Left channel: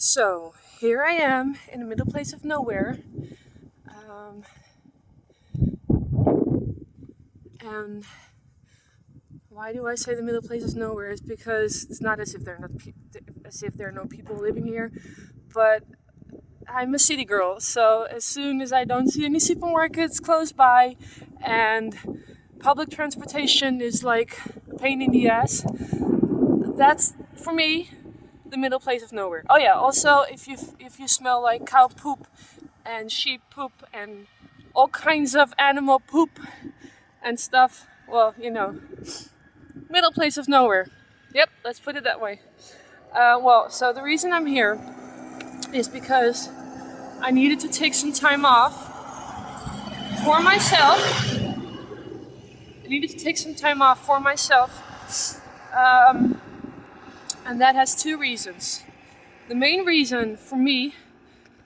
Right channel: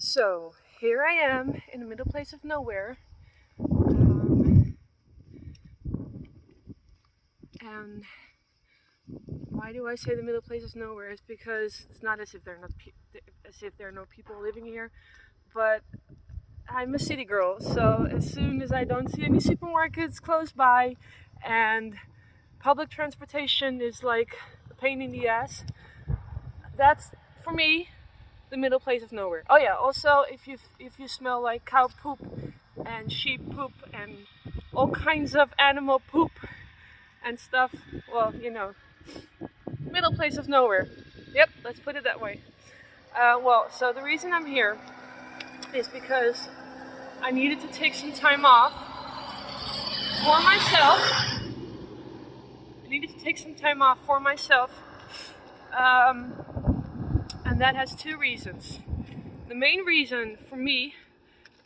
So here I am in the middle place of nowhere. Um, and why do I say the middle place is nowhere? It's because it's not as if there are no people living here, but I'm a city girl. So as soon as I don't see any supermarkets close by, and public transportation is like a pain in the ass, that's for me the middle place of nowhere. Oh yeah, also if you smell like cow poop and sheep poop and all kinds of animal poop and stuff, well, middle place of nowhere. Yep, let's put it that way. So the reason I'm here is because I needed to take some time off for myself. I needed to take some time off for myself, um, and that has two reasons. The main reason for me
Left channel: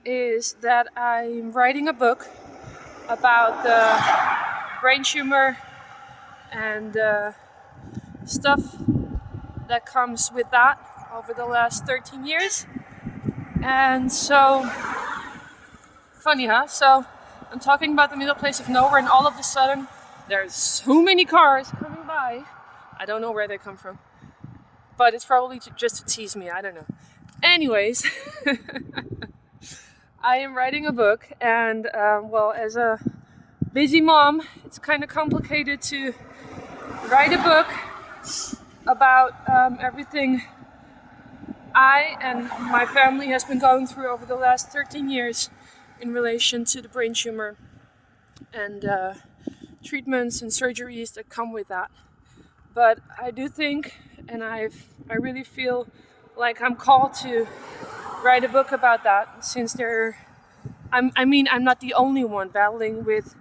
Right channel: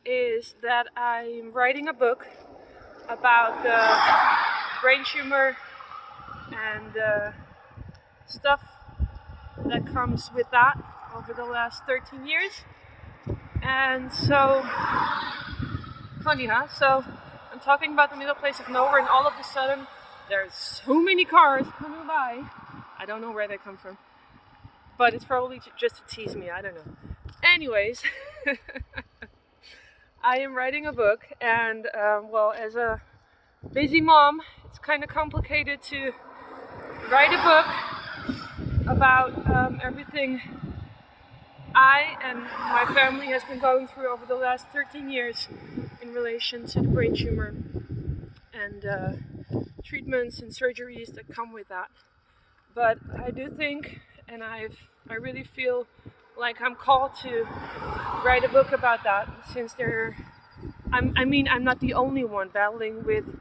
is that I'm writing a book about the brain tumor and stuff that comes with that over the last 13 years. And so, funny, huh? So, I'm talking about the middle place of nowhere, and all of a sudden, there's so many cars coming by. I don't know where they come from, but it's probably just to tease me. I don't know. Anyways, I am writing a book, and as a busy mom, it's kind of complicated to write a book about everything I and my family has been going through over the last 13 years in relation to the brain tumor and treatments and surgeries that come with that. But I do think, and I really feel like I'm called to write a book about that, since I'm not the only one battling with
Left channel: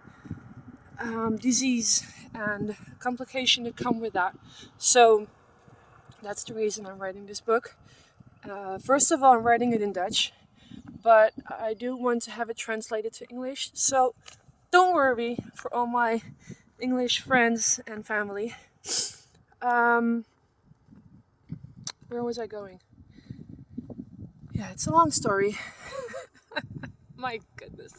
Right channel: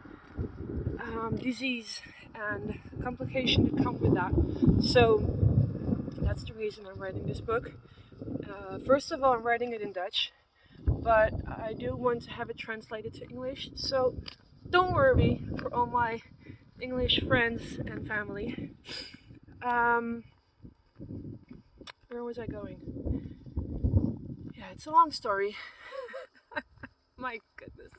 disease and complication that come with that. So that's the reason I'm writing this book. First of all, I'm writing it in Dutch, but I do want to have it translated to English. So don't worry for all my English friends and family. Where was I going? Yeah, it's a long story. My goodness.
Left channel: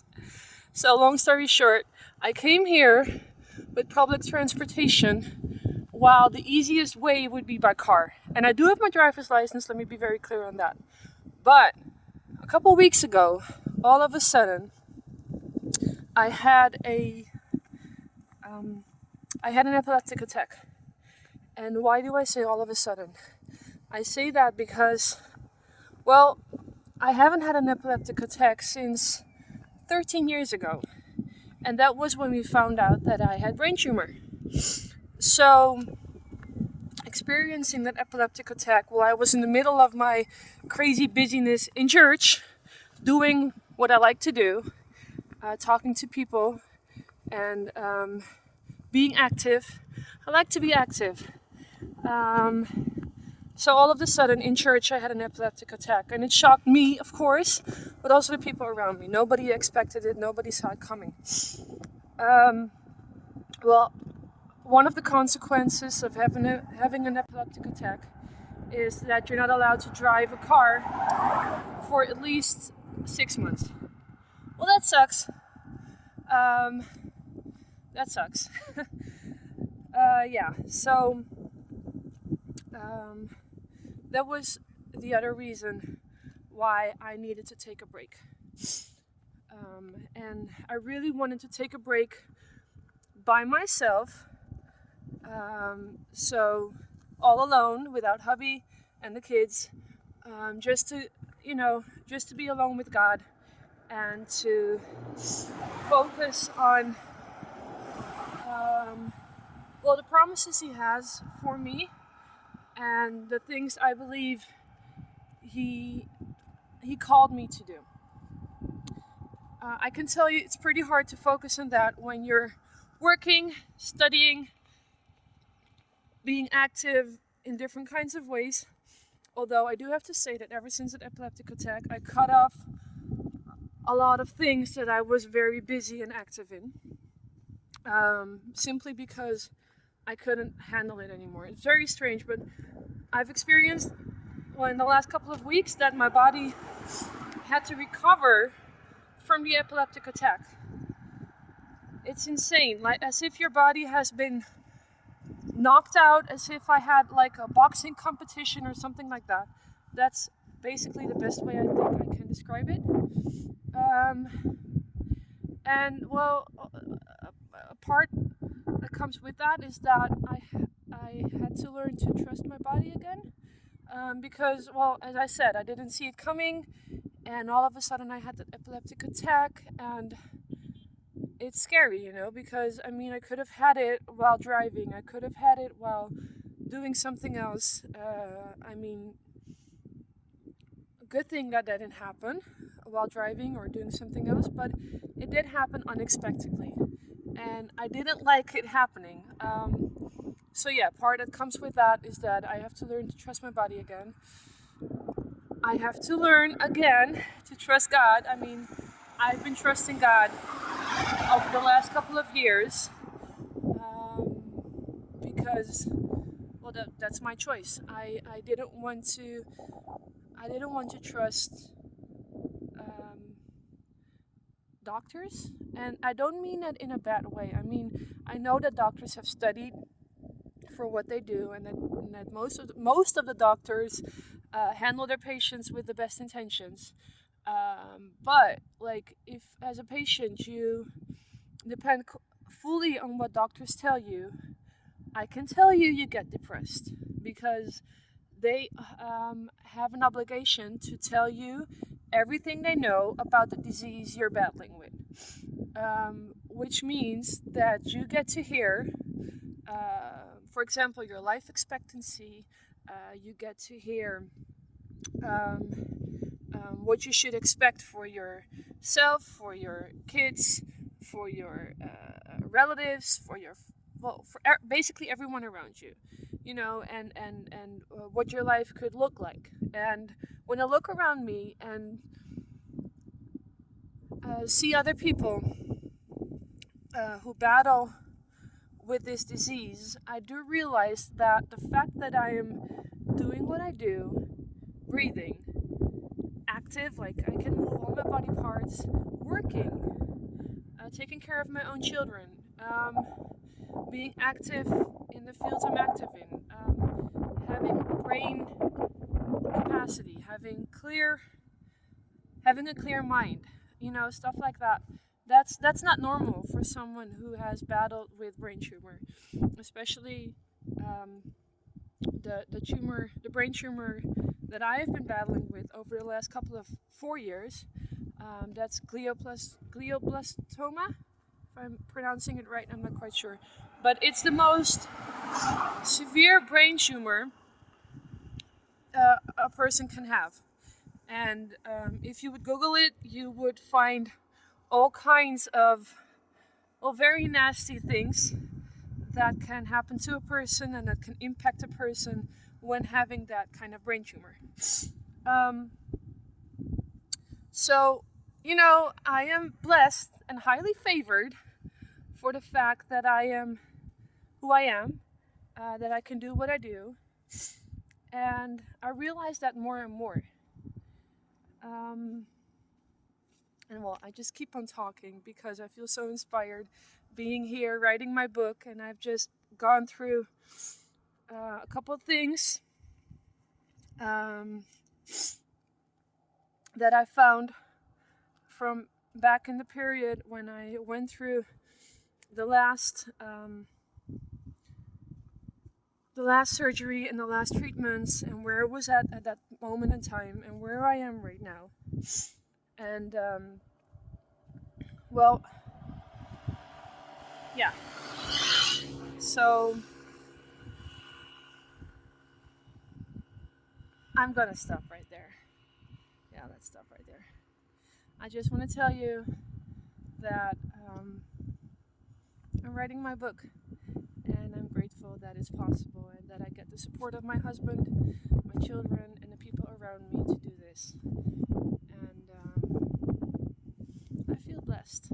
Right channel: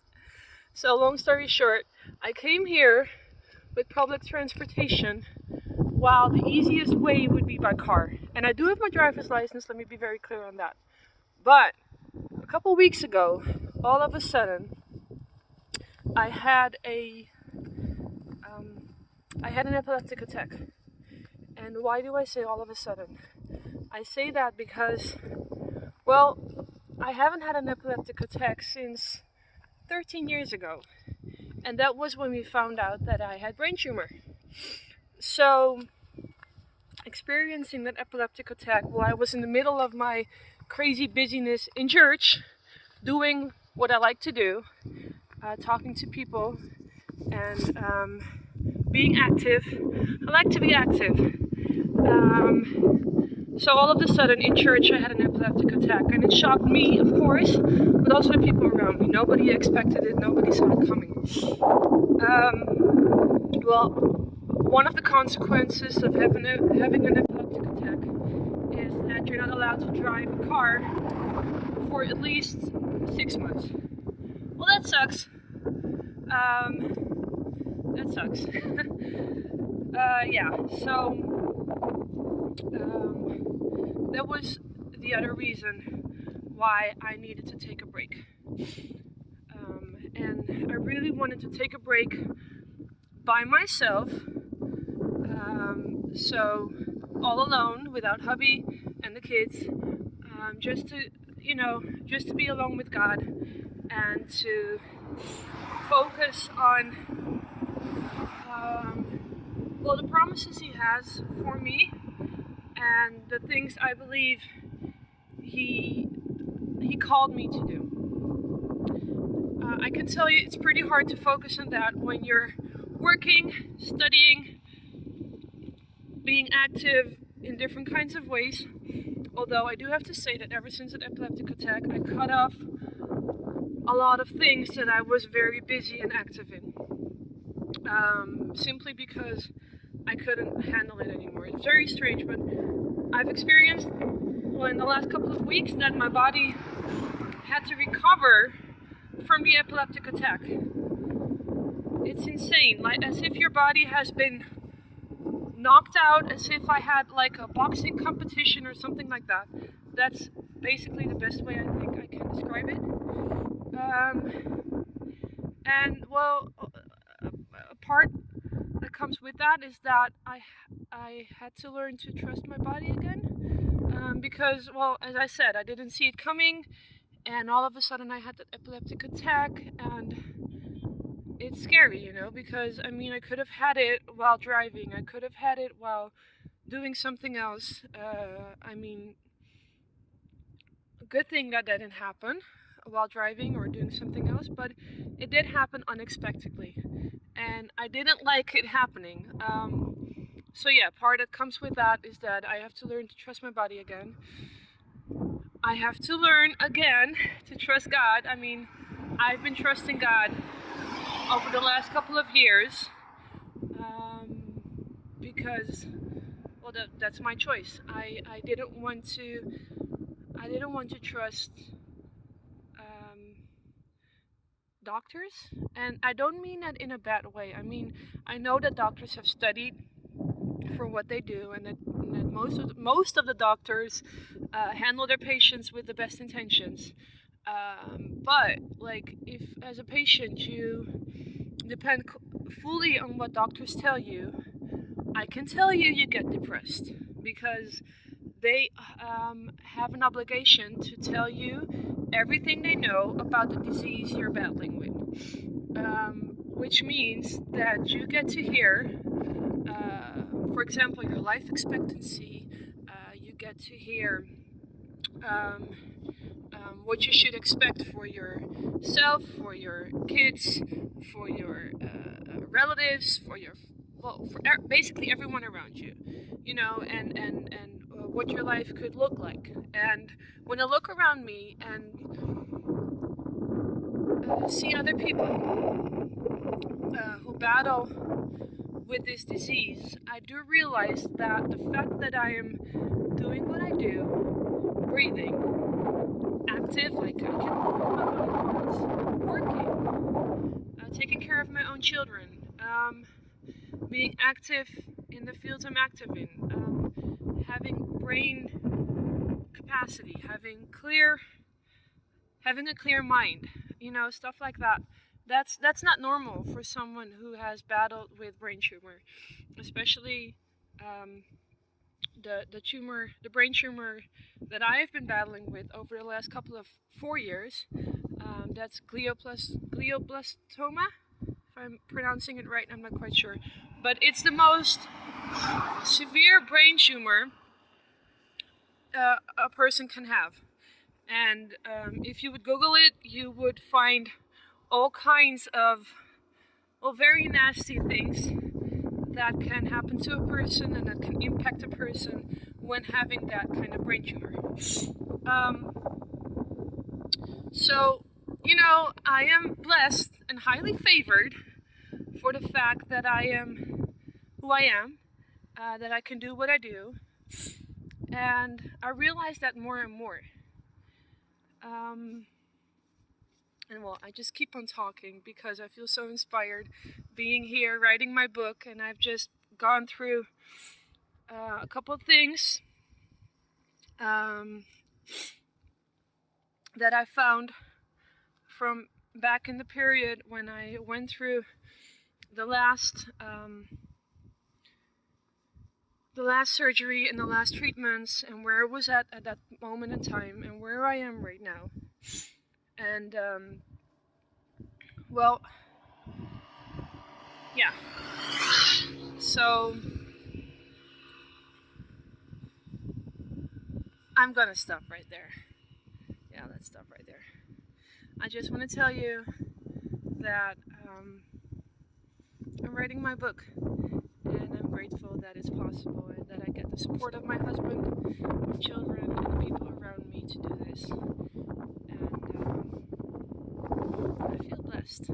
So long story short, I came here with public transportation, while the easiest way would be by car. And I do have my driver's license, let me be very clear on that. But a couple weeks ago, all of a sudden, I had an epileptic attack. And why do I say all of a sudden? I say that because, well, I haven't had an epileptic attack since 13 years ago. And that was when we found out that I had brain tumor. So, experiencing that epileptic attack while I was in the middle of my crazy busyness in church, doing what I like to do, talking to people, and being active. I like to be active. So all of a sudden in church I had an epileptic attack, and it shocked me, of course, but also the people around me. Nobody expected it, nobody saw it coming. One of the consequences of having an epileptic attack is that you're not allowed to drive a car for at least 6 months. Well, that sucks. That sucks. That was the other reason why I needed to take a break. And I really wanted to take a break by myself, so all alone, without hubby and the kids, just to be alone with God and to focus on the promises He has for me and the things I believe He called me to do. I can tell you it's pretty hard to focus on that when you're working, studying, being active in different kinds of ways. Although I do have to say that ever since that epileptic attack, I cut off a lot of things that I was very busy and active in. Simply because I couldn't handle it anymore. It's very strange, but I've experienced, in the last couple of weeks, that my body had to recover from the epileptic attack. It's insane, like as if your body has been knocked out, as if I had like a boxing competition or something like that. That's basically the best way I think I can describe it. And well, a part that comes with that is that I had to learn to trust my body again. Because, well, as I said, I didn't see it coming, and all of a sudden I had that epileptic attack, and it's scary, because I mean, I could have had it while driving, I could have had it while doing something else. I mean, good thing that didn't happen while driving or doing something else, but it did happen unexpectedly, and I didn't like it happening. So yeah, part that comes with that is that I have to learn to trust my body again. I have to learn again to trust God. I mean, I've been trusting God over the last couple of years, because, well, that's my choice. I didn't want to trust doctors, and I don't mean that in a bad way. I mean, I know that doctors have studied for what they do, and that most of the doctors handle their patients with the best intentions. But like, if as a patient you depend fully on what doctors tell you, I can tell you you get depressed, because they have an obligation to tell you everything they know about the disease you're battling with, which means that you get to hear, for example, your life expectancy. You get to hear what you should expect for yourself, for your kids, for your relatives, for your, well, for basically everyone around you, and what your life could look like. And when I look around me and see other people who battle with this disease, I do realize that the fact that I am doing what I do, breathing, active, like I can move all my body parts, working, taking care of my own children, being active in the fields I'm active in, having brain capacity, having a clear mind, stuff like that. That's not normal for someone who has battled with brain tumor, especially the brain tumor that I have been battling with over the last couple of 4 years. That's glioblastoma. If I'm pronouncing it right, I'm not quite sure, but it's the most severe brain tumor a person can have. And if you would Google it, you would find all kinds of, well, very nasty things that can happen to a person and that can impact a person when having that kind of brain tumor. So, I am blessed and highly favored for the fact that I am who I am, that I can do what I do, and I realize that more and more. And well, I just keep on talking because I feel so inspired being here, writing my book, and I've just gone through a couple of things that I found from back in the period when I went through the last surgery and the last treatments, and where I was at that moment in time, and where I am right now. And well, yeah. So I'm gonna stop right there. Yeah, let's stop right there. I just want to tell you that I'm writing my book, and I'm grateful that it's possible and that I get the support of my husband, my children, and the people around me to do this. And I feel blessed.